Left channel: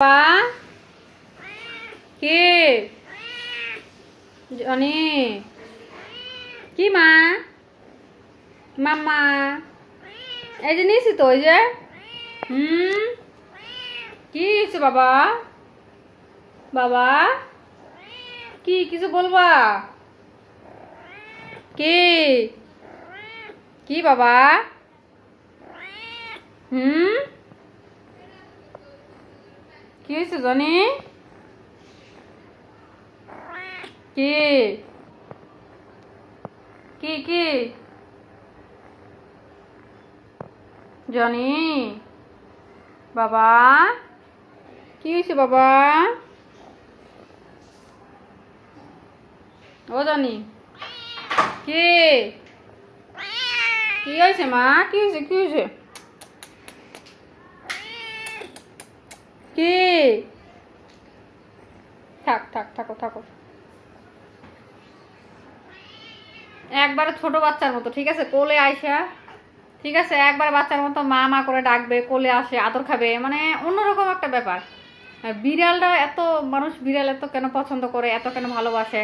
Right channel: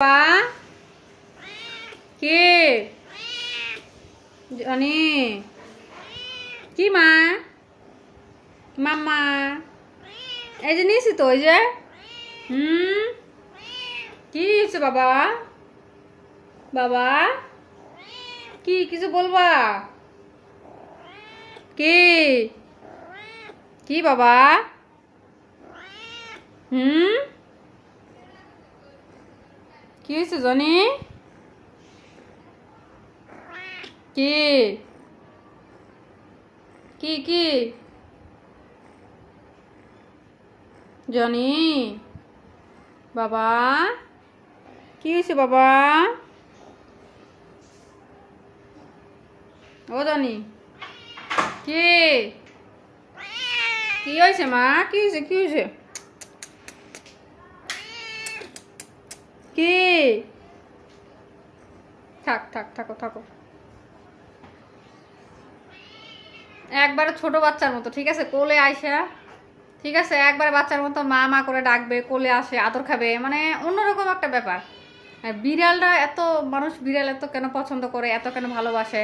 বাবা কি জনি কি মা মাম্মা এই যে নিয়েছি তো ওই যে কি হয়েছে বাবা বাবা কি কিছু বলবা কি কি বাবা কি হয়েছে জনি কি কি কি জনি বাবা কি হয়েছে বাবা ও জনি কি কি হয়েছে মা কি হয়েছে কি হয়েছে কি থাক থাক থাকো থাকো একবারে ছোট বাচ্চার মতো ঠিক আছে কোলে আইসা ঠিক আছে একবারে বাচ্চার মতো মা মা করে ডাকবে কোলে আসে আদর খাবে মানে অন্যরকম একটা ব্যাপার বিড়ালটা এত মানুষ বিড়াল এত কেন পছন্দ করে এত কেন ভালোবাসে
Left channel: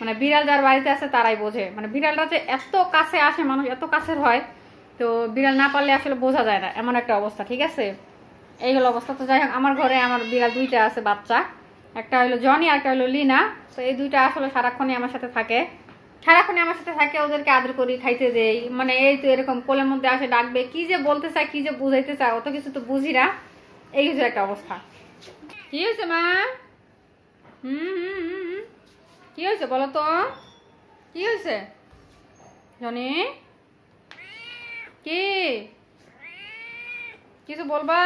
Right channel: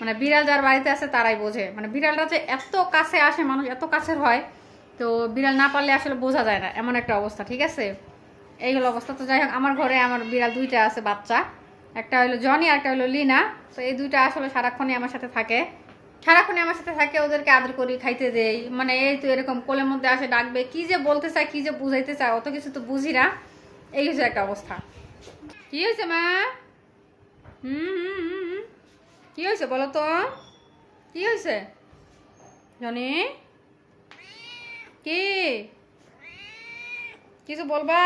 মানে বিড়াল যার বাড়িতে আছে তারাই বোঝে মানে বিড়ালটা যে এত কাছে আসে মানুষ এত কাছের হয় তো বিড়াল না পারলে আসলে বোঝা যায় না এমন একটা অবস্থা ঠিক আছে এই হলো অবস্থা তো যাই হোক আমার ঘরে আমার বিড়াল দুইটা আছে বাচ্চা একটা হলো জনি আর একটা হলো লিনা তো এই দুইটা আসলে সারাক্ষণই আমার সাথে থাকে ওদেরকে আদর করি খাইতে দেই মানে এই তো এরকম কোলের মধ্যে আসে ডাকবে কি যে বলতে চায় কি যে বুঝাইতে চায় অত কিছু তো বুঝি না এই হচ্ছে একটা অবস্থা কি হয়েছে মা কি হয়েছে বলো তো কি হয়েছে জনি কি কিছু বলবা